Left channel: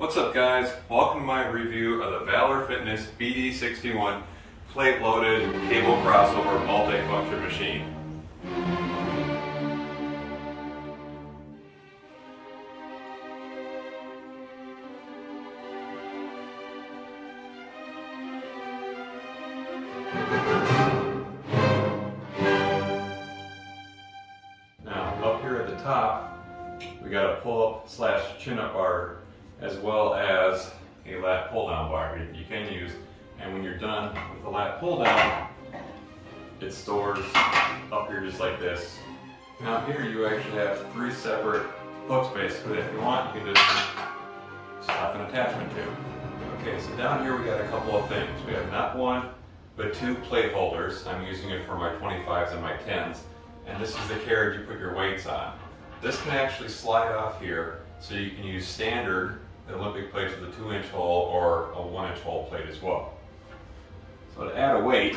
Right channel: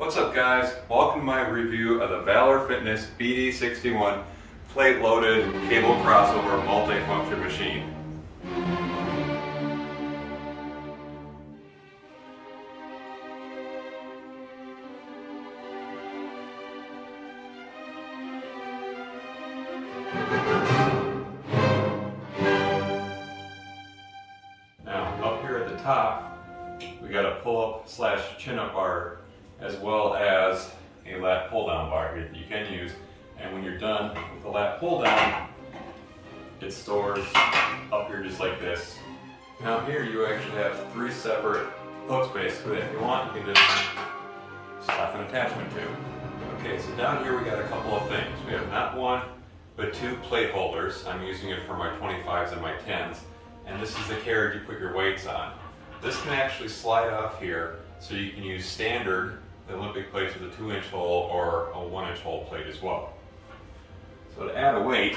What's up guys? Welcome to my review of the Valor Fitness BD-61 plate-loaded cable crossover multi-function machine. Now up here at the top we got a pull-up slash chin-up bar as well as a lat pull-down bar here that you can use. And when you're done with the lat pull-down, it stores up here just like this. Now here you actually have three separate hooks basically. If you want, you can just slap an attachment to. Okay, so down here we got a couple of things. We have not one, but two plate holders. I'm using it for my 25s and my 10s. And this is the carriage you put your weights on. This can actually slide off here, so you can use standard Olympic plates with a 2-inch hole or a 1-inch hole plate as well. So to add a weight,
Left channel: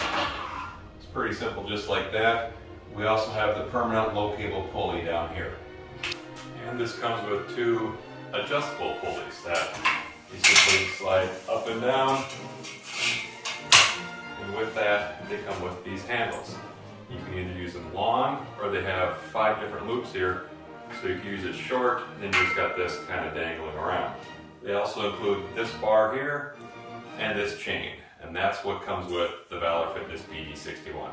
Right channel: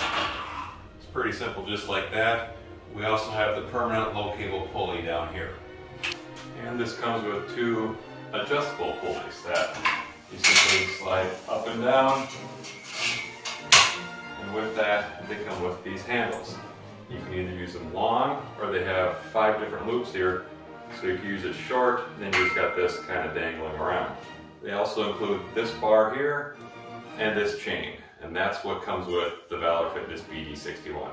it's pretty simple just like that. We also have the permanent low cable pulley down here. And this comes with two adjustable pulleys that you simply slide up and down. And with that, they come with these handles. You can either use them long, or they have 5 different loops here. So you can use it short, and then you've got this kind of dangling around. They also include this bar here and this chain, and that's what comes with the Valor Fitness BD-61.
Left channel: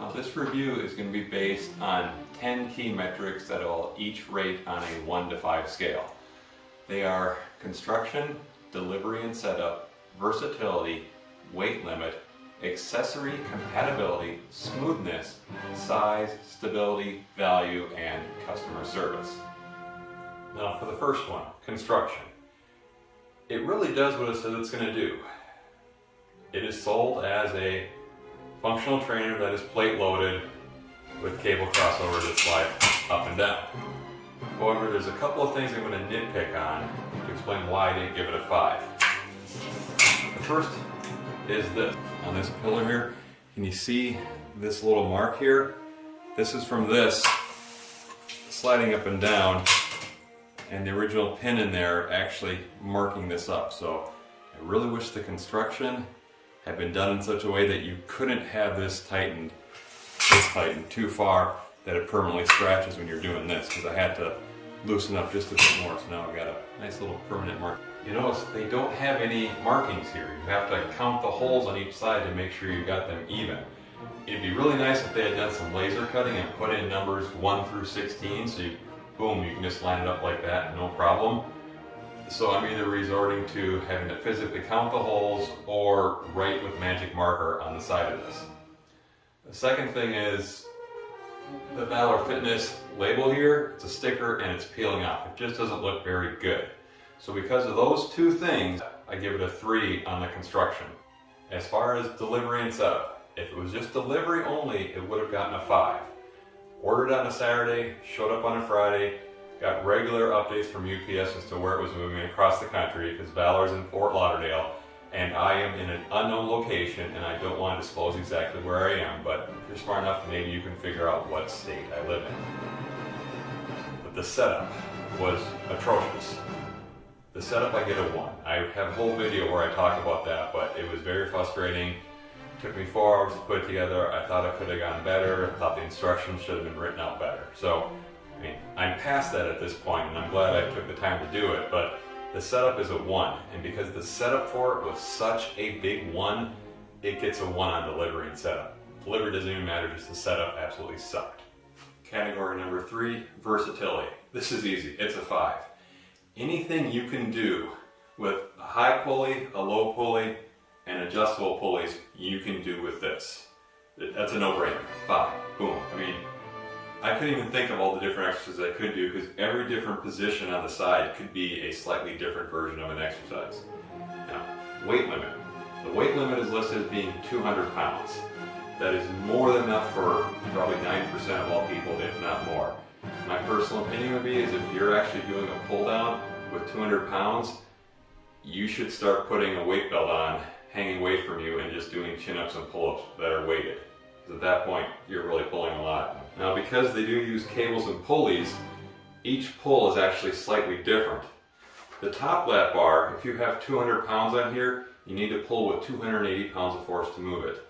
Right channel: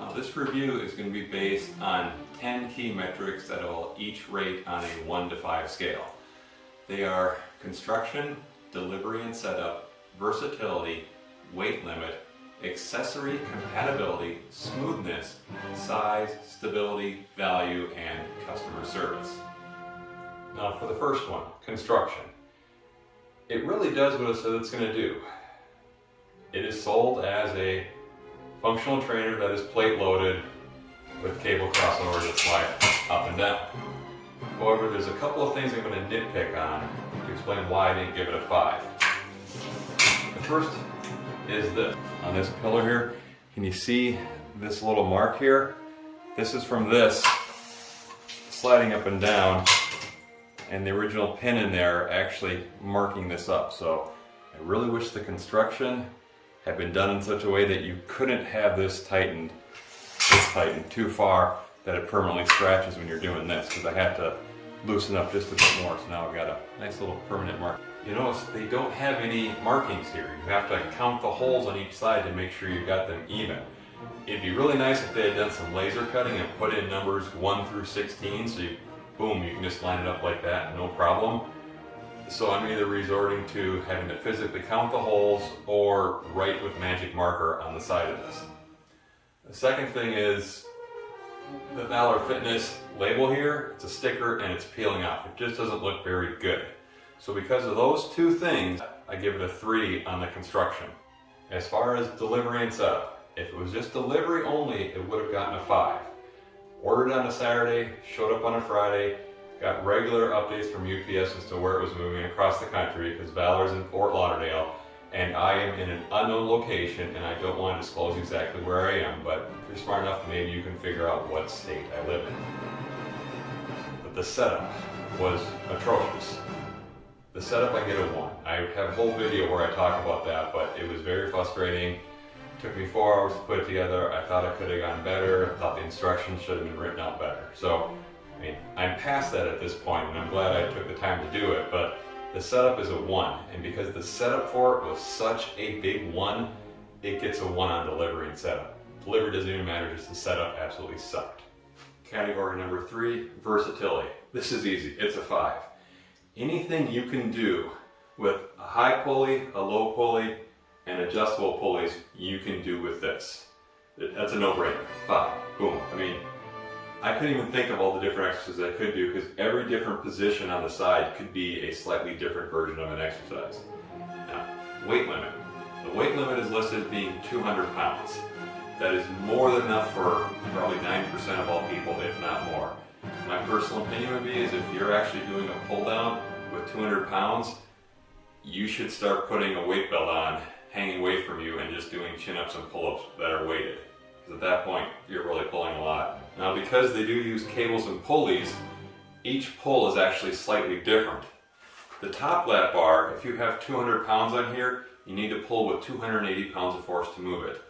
Now this review is going to be based on 10 key metrics that will each rate on a 1 to 5 scale. They are construction, delivery and setup, versatility, weight limit, accessory compatibility, smoothness, size, stability, value, and customer service. Now for the first one, construction. It really does what it says it's going to do. It is sold as a functional trainer that is plate loaded with cable crossover that slide up and down. However, there's a couple of things I'm going to nitpick on to explain why I didn't give it a 5. The first is this. On this pillar here, can you see this little mark here? This is from this sliding up and down, and the original pin in there actually marking this up. So I really wish the construction had been done in such a way that you couldn't have this tightened too far that it permanently scratches when you're doing this, because I had to loosen up just a bit more. So now I've got a nice little permanent mark. You notice they don't have any markings here. You have to count the holes on each side to make sure you got them even. It'd be really nice if they had done some laser cutting and put in numbers 1 through 16, so you, boom, you can just line it up like that, no problem. So I'm either resorting to having to physically count the holes or write with magic marker on the side of this. The second thing is the Valor Fitness label here. It's a sticker and it's peeling off. It just doesn't look very good. So because of those two things, I give it a 3 on the construction. As far as delivery and setup, if it was just delivery only, it would have gotten a 5. Ordered on a Saturday, showed up on a Friday, got regular updates from UPS as to where it was moving across the country, because Valor's in Fort Lauderdale, and I am in an unknown location, and I don't want to disclose exactly where I am, but if you're smart enough, maybe you can figure out what state I live in. But the setup was atrocious. The setup, I get a 1. I have a whole video where I talk about that, but it was very frustrating. It took me 4 hours to put it together. I thought it could have gotten better. I thought the instructions should have been written out better. So, I mean, I'm past that at this point, and I'm glad I took the time to do it, but the setup is a 1. And because the setup for it was such a big 1, it gets a 1 on delivery and setup. Delivery doesn't even matter, just the setup absolutely sucked. Category number 3, versatility. This is easy, it's a 5. Anything you can do with a high pulley, a low pulley, and adjustable pulleys, you can do with this. That's a no-brainer. 5. Boom. I mean, I couldn't even think of all the different exercises I could do, because every different position on the side could be a slightly different version of an exercise. Now, weight limit. The weight limit is listed as being 200 pounds. That is more than enough for probably 90% of all people, if not more. My personal opinion would be is if you're actually doing a pull down with 200 pounds, you should start putting a weight belt on, hanging away from you, and just doing chin-ups and pull-ups that are weighted. Because at that point, you're really pulling a lot. Now because they do use cables and pulleys, each pull is actually slightly different. The top lap bar, if you have 200 pounds on here, you need to pull with 280 pounds of force to move it.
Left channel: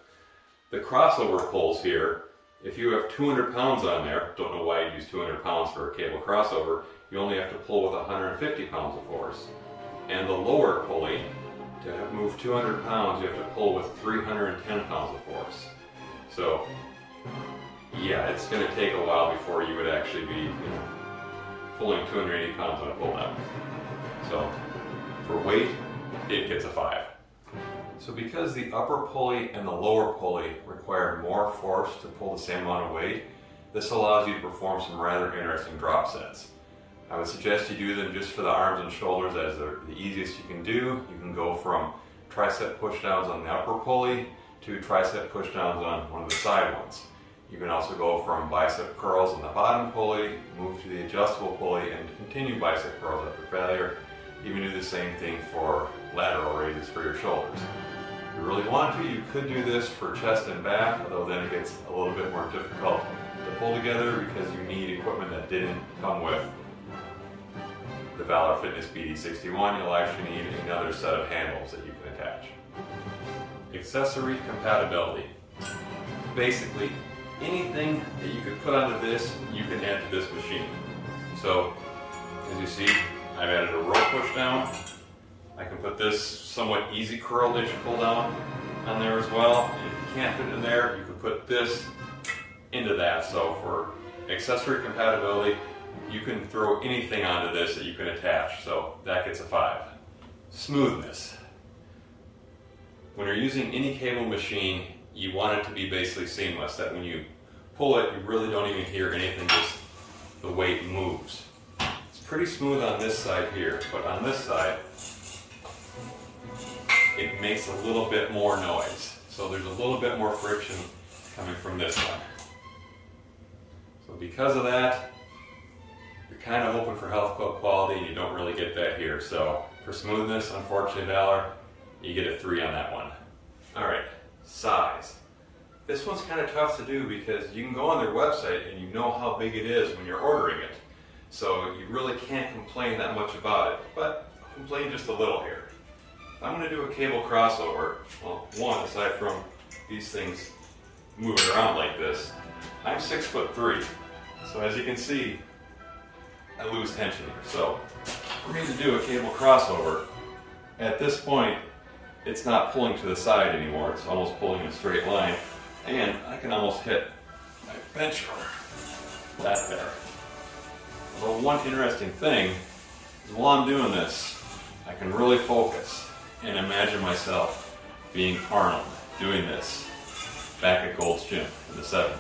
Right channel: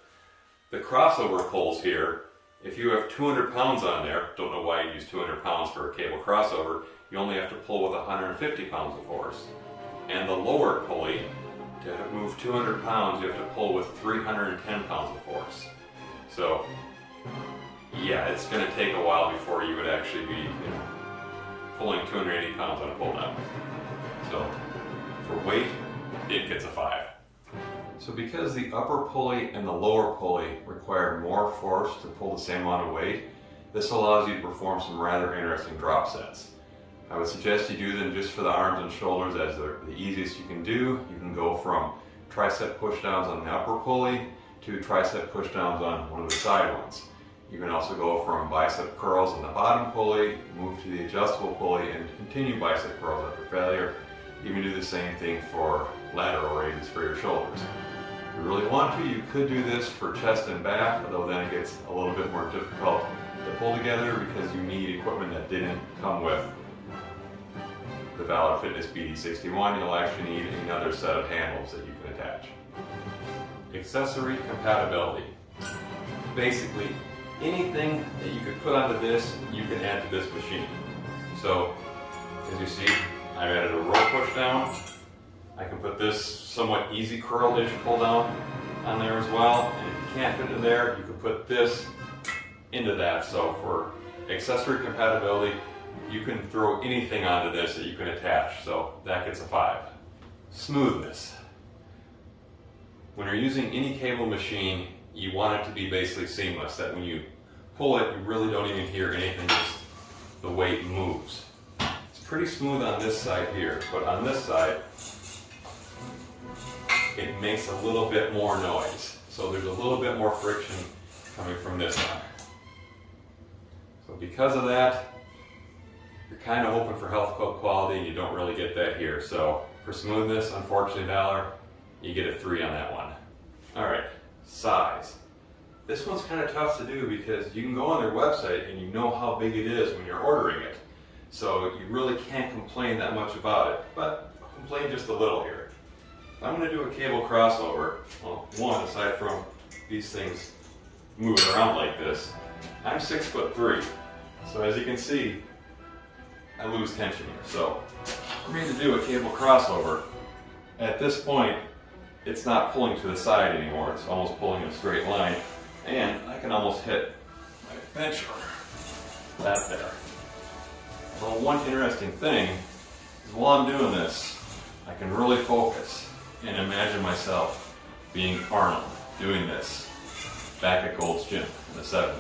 The crossover pulls here, if you have 200 pounds on there, don't know why you use 200 pounds for a cable crossover, you only have to pull with 150 pounds of force. And the lower pulley, to move 200 pounds, you have to pull with 310 pounds of force. So, yeah, it's going to take a while before you would actually be pulling 280 pounds on a pull down. So, for weight, it gets a 5. So because the upper pulley and the lower pulley require more force to pull the same amount of weight, this allows you to perform some rather interesting drop sets. I would suggest you do them just for the arms and shoulders as the easiest you can do. You can go from tricep pushdowns on the upper pulley to tricep pushdowns on one of the side ones. You can also go from bicep curls on the bottom pulley, move to the adjustable pulley, and continue bicep curls after failure. You can do the same thing for lateral raises for your shoulders. If you really want to, you could do this for chest and back, although then it gets a little bit more difficult to pull together because you need equipment that didn't come with the Valor Fitness BD-61. You'll actually need another set of handles that you can attach. Accessory compatibility. Basically, anything that you could put onto this, you can add to this machine. So, as you see, I've added a row push down. I can put this somewhat easy curl-ish pull down on there as well. And if you can't fit it in there, you can put this into that. So for accessory compatibility, you can throw anything onto this that you can attach. So that gets a 5. Smoothness. When you're using any cable machine, you want it to be basically seamless, that when you pull it, you really don't even hear anything, just the weight moves. It's pretty smooth on this side here, but on this side, it makes a little bit more noise. So there's a little bit more friction coming from this one. So because of that, you're kind of hoping for health club quality and you don't really get that here. So for smoothness, unfortunately, Valor, you get a 3 on that one. All right, size. This one's kind of tough to do because you can go on their website and you know how big it is when you're ordering it. So you really can't complain that much about it, but I'll complain just a little here. If I'm going to do a cable crossover, well, one, aside from these things moving around like this, I'm 6'3". So as you can see, I lose tension here. So for me to do a cable crossover, at this point, it's not pulling to the side anymore. It's almost pulling in a straight line. And I can almost hit my bench or that there. Well, one interesting thing is while I'm doing this, I can really focus and imagine myself being Arnold doing this back at Gold's Gym in the 70s.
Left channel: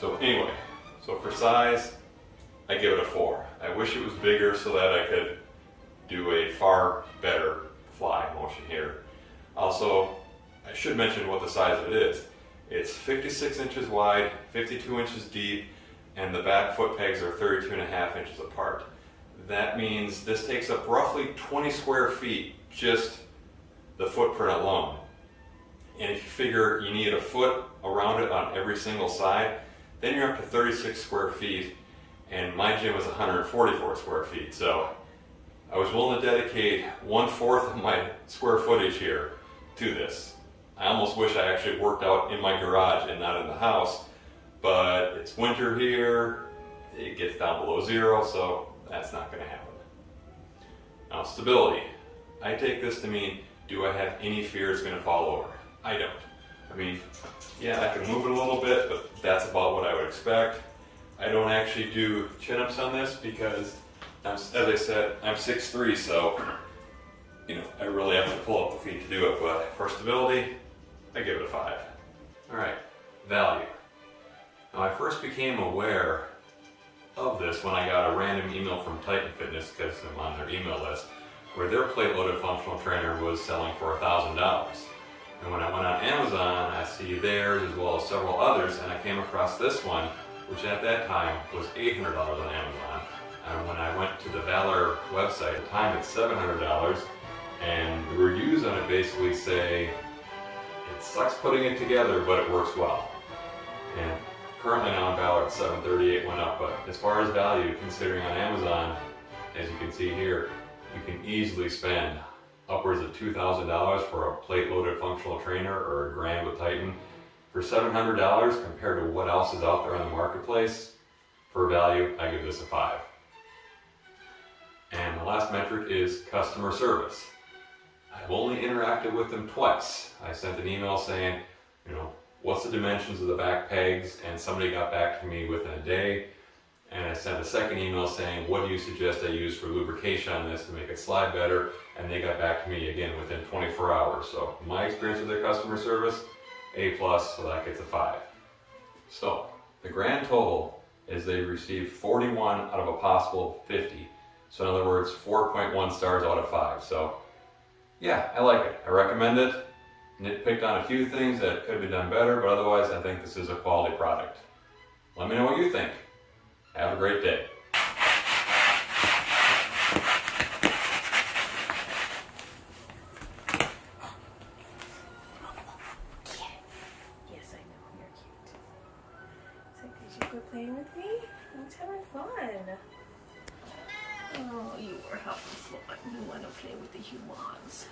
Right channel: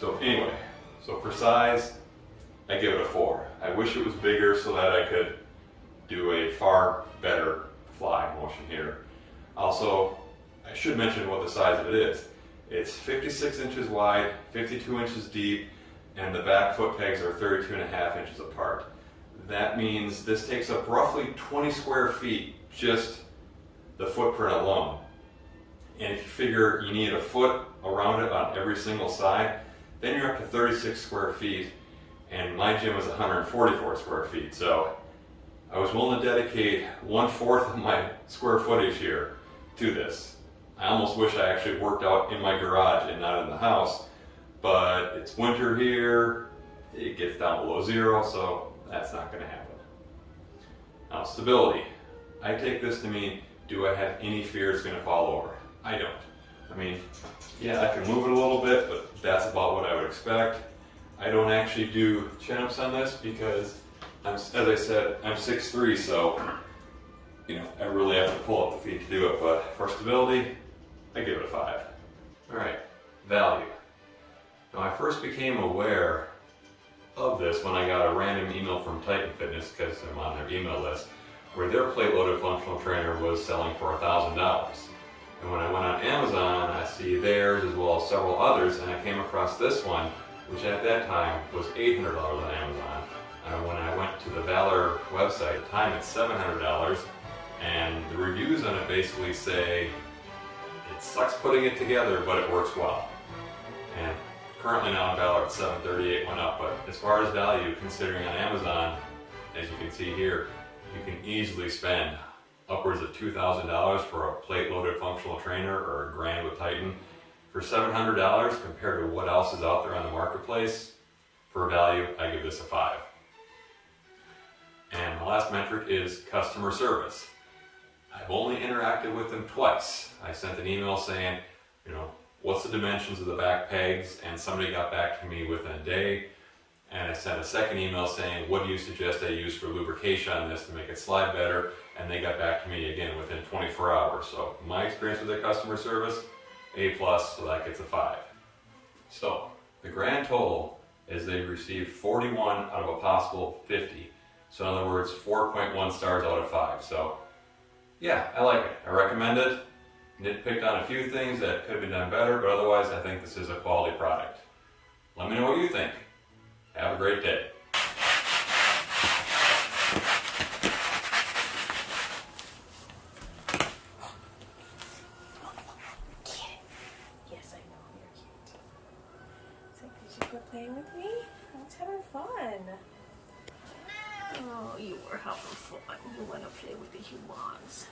So anyway, so for size, I give it a 4. I wish it was bigger so that I could do a far better fly motion here. Also, I should mention what the size of it is. It's 56 inches wide, 52 inches deep, and the back foot pegs are 32.5 inches apart. That means this takes up roughly 20 square feet, just the footprint alone. And if you figure you need a foot around it on every single side, then you're up to 36 square feet, and my gym is 144 square feet. So I was willing to dedicate 1/4 of my square footage here to this. I almost wish I actually worked out in my garage and not in the house, but it's winter here, it gets down below 0, so that's not going to happen. Now, stability. I take this to mean, do I have any fear it's going to fall over? I don't. I mean, yeah, I can move it a little bit, but that's about what I would expect. I don't actually do chin-ups on this because, as I said, I'm 6'3", so I really have to pull up the feet to do it, but for stability, I give it a 5. All right, value. Now, I first became aware of this when I got a random email from Titan Fitness, because I'm on their email list, where their plate-loaded functional trainer was selling for $1,000. And when I went on Amazon, I see theirs as well as several others, and I came across this one, which at that time was $800 on Amazon. And when I went to the Valor website, at the time it's $700, and the reviews on it basically say It sucks putting it together, but it works well. And currently now on Valor it's $738, went up, but as far as value, considering on Amazon, as you can see here, you can easily spend upwards of $2,000 for a plate-loaded functional trainer or a grand with Titan. For $700 compared to what else is out there on the marketplace, for value, I give this a 5. And the last metric is customer service. I've only interacted with them twice. I sent an email saying, what's the dimensions of the back pegs? And somebody got back to me within a day. And I sent a second email saying, what do you suggest I use for lubrication on this to make it slide better? And they got back to me again within 24 hours. So my experience with their customer service, A+, so that gets a 5. So the grand total is they received 41 out of a possible 50. So in other words, 4.1 stars out of 5. So yeah, I like it. I recommend it. Nitpicked on a few things that could have been done better, but otherwise I think this is a quality product. Let me know what you think. Have a great day. Yes, I know, you're cute. So did you go playing with me? I was having fun. Oh, you were having fun. You want to play with the humans.